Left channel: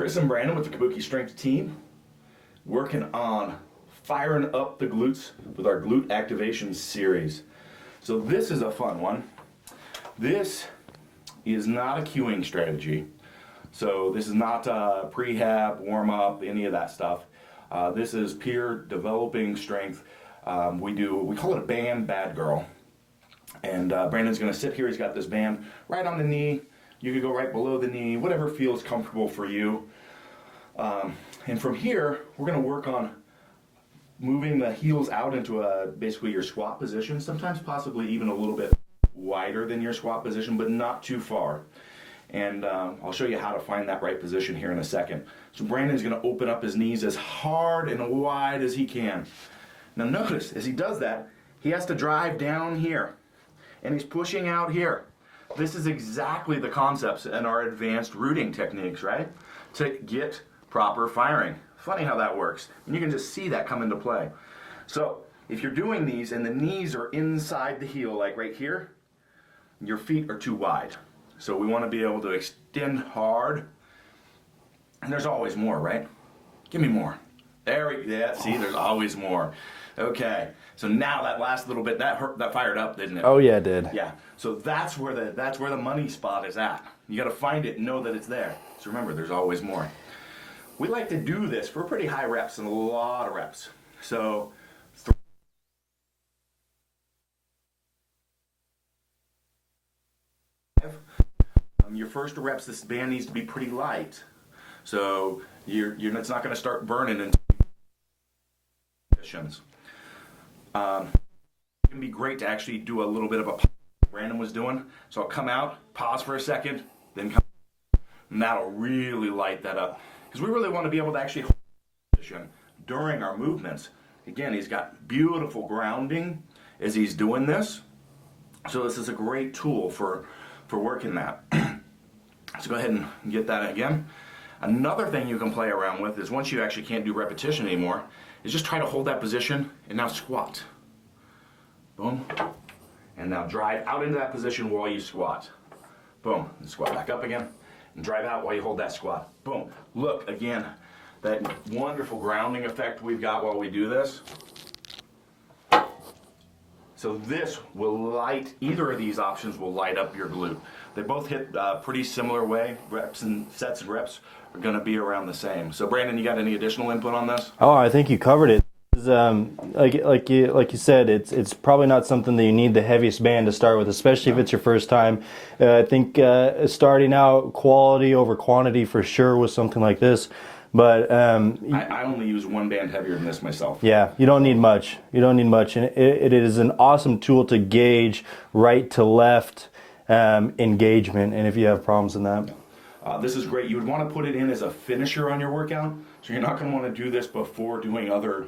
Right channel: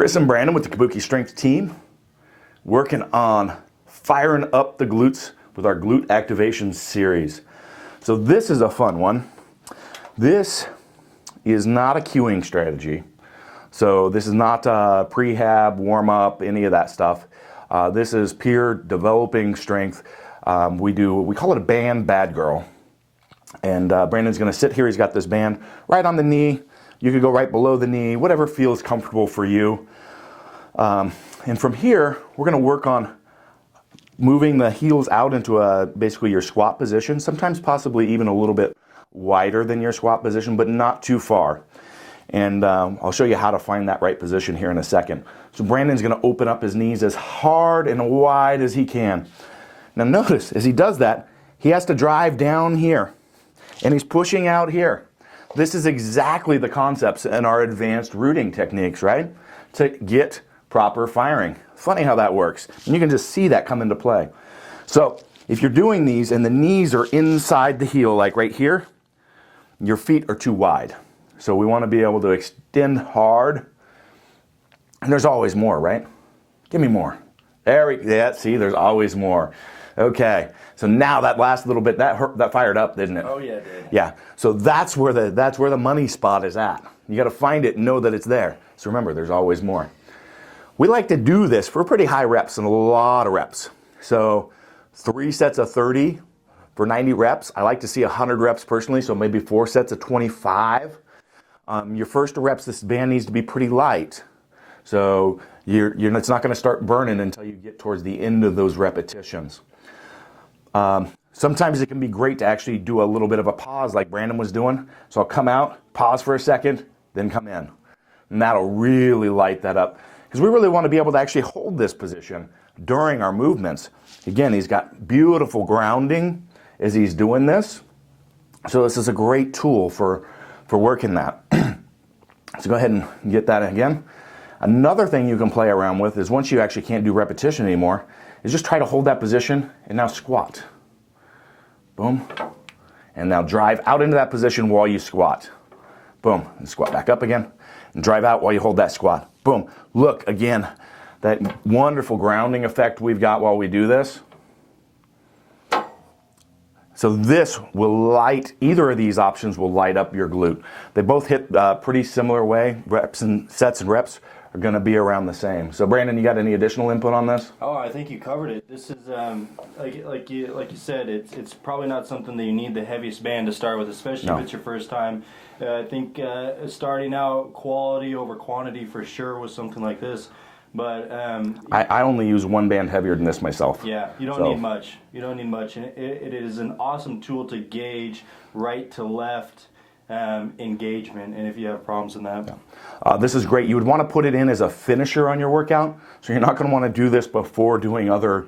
Chris and Brandon with the Kabuki Strength team, working on firing up the glutes with our glute activation series. So this is a fun one. This is not a cueing strategy. So this is not prehab, warm up, any of that stuff. This is pure developing strength. We call it a BandBadGirl. And Brandon's gonna sit here, he's got this band right on the knee. You could go right below the knee, whatever feels comfortable for you. And from here, we're gonna work on moving the heels out into basically your squat position, sometimes possibly even a little bit wider than your squat position, but not too far. And I'll show you how to find that right position here in a second. So Brandon's gonna open up his knees as hard and wide as he can. Now notice, as he does that, he has to drive down here, and he's pushing out here. This is exactly the concepts in our advanced rooting techniques, right? To get proper firing. Funny how that works. And you can just see that come into play. So if you're doing these and the knees are inside the heel, like right here, your feet are too wide. So we want to be able to extend hard. And there's always more, right? Give me more. Yeah, see, there's always more. Okay, so now that last little bit, that fired up, didn't it? Oh yeah, it did. Yeah, so that's where the money spot is at. You got to find it and know that it's there. So remember, there's always more. We like to do this for pretty high reps and a lot of reps. So 3 sets of 30 for 90 reps. I like to see 100 reps personally, so maybe 4 sets of 25. Your first reps, this band needs to be pretty light. So it's not going to start burning until you get towards the end of those repetitions. Sometimes it can be great to actually do a little bit of a pause like Brandon was doing. So I'll come out, pause for a second, then come in. And that'll really light that up. Because we really want to be able to actually hold this position during our movements. Again, he's got beautiful grounding as he's doing this. So this is a great tool for working that. So go ahead and get that again. Another thing you can play around with is once you actually can't do repetition anymore, is just try to hold that position and now squat. Boom. And now drive out into that position while you squat. Boom. And squat back up again. And drive out while you hold that squat. Boom. Look, again, that wonderful grounding effect we've got while we do this. So this will light, either of these options will light up your glute. They both hit pretty similar way. Reps and sets and reps are going to be around the same. So Brandon, you got any additional input on this? Oh, I think you covered it. This is like you said, it's probably not something that you need the heaviest band to start with, especially if it's your first time. I think starting out, quality over quantity for sure with something like this. But I only use one band heavier than this myself. Yeah, you don't need much. You don't need much, and it is an awesome tool to gauge right to left engagement. And if you have problems in that. This is great. You would want to put it in as a finisher on your workout. So you're not going to want to do this before doing other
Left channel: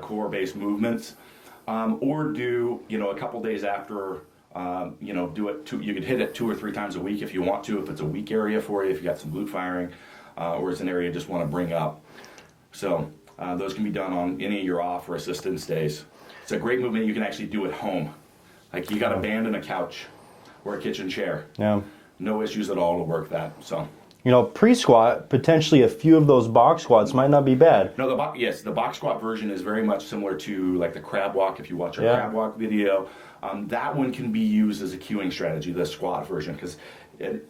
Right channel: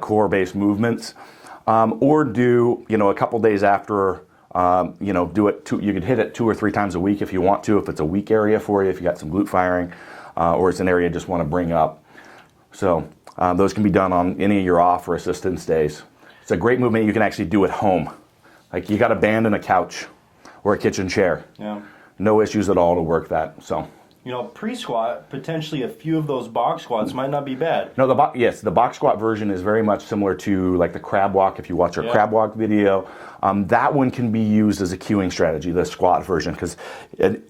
core-based movements, or do a couple days after. Do it. You could hit it 2 or 3 times a week if you want to. If it's a weak area for you, if you got some glute firing, or it's an area you just want to bring up. So those can be done on any of your off or assistance days. It's a great movement you can actually do at home. Like you got a band and a couch or a kitchen chair. Yeah. No issues at all to work that. So, pre-squat, potentially a few of those box squats might not be bad. No, the box squat version is very much similar to like the crab walk. If you watch our crab walk video, that one can be used as a cueing strategy, the squat version, because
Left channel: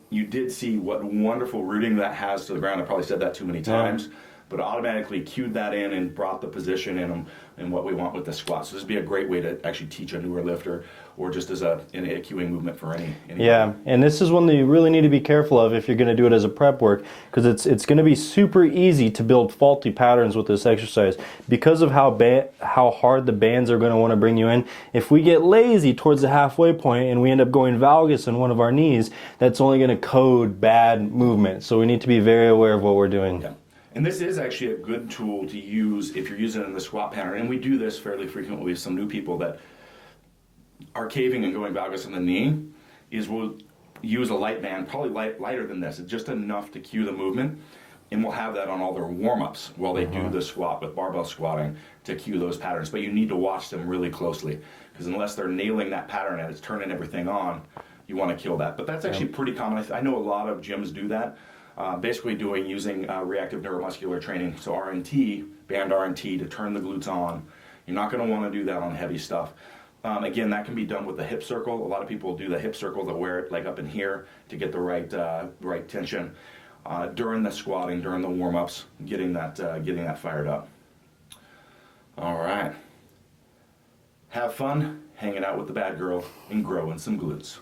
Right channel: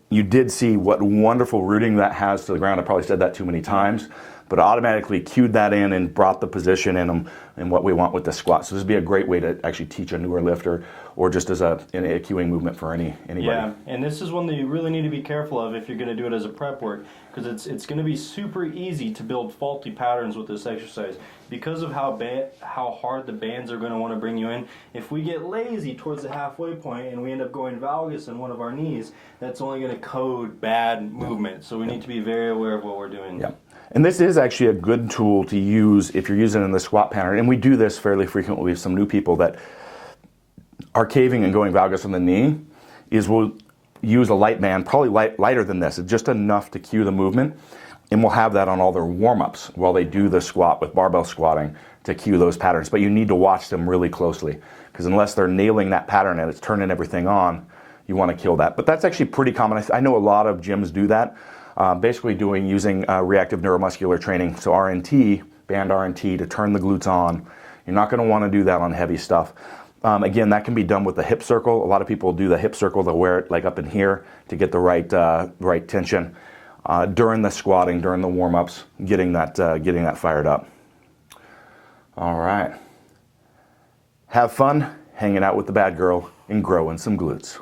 you did see what wonderful rooting that has to the ground. I probably said that too many times, but automatically cued that in and brought the position in them and what we want with the squat. So this would be a great way to actually teach a newer lifter, or just as a cueing movement for anybody. Yeah, and this is one that you really need to be careful of if you're going to do it as a prep work, because it's going to be super easy to build faulty patterns with this exercise because of how hard the bands are going to want to bring you in. If we get lazy towards the halfway point and we end up going valgus in one of our knees, that's only going to code bad movement. So we need to be very aware of what we're doing. Yeah. And this is actually a good tool to use if you're using it in the squat pattern. And we do this fairly frequently with some new people that are caving and going valgus on the knee, is we'll use a light band, probably lighter than this, just enough to cue the movement. And we'll have that on all their warm-ups while they do the squat with barbell squatting to cue those patterns. But you need to watch them really closely, because unless they're nailing that pattern and it's turning everything on, you want to kill that. But that's actually pretty common. I know a lot of gyms do that. basically using reactive neuromuscular training, so RNT, band RNT, to turn the glutes on. You're not going to want to do that on heavy stuff. Again, that can be done with the hip circle. A lot of people do the hip circle. They'll wear it like up in here to get the right tension during the squatting, during the warm-ups, getting that fired up. All right. Have fun hanging out with the bad girl and growing some glutes.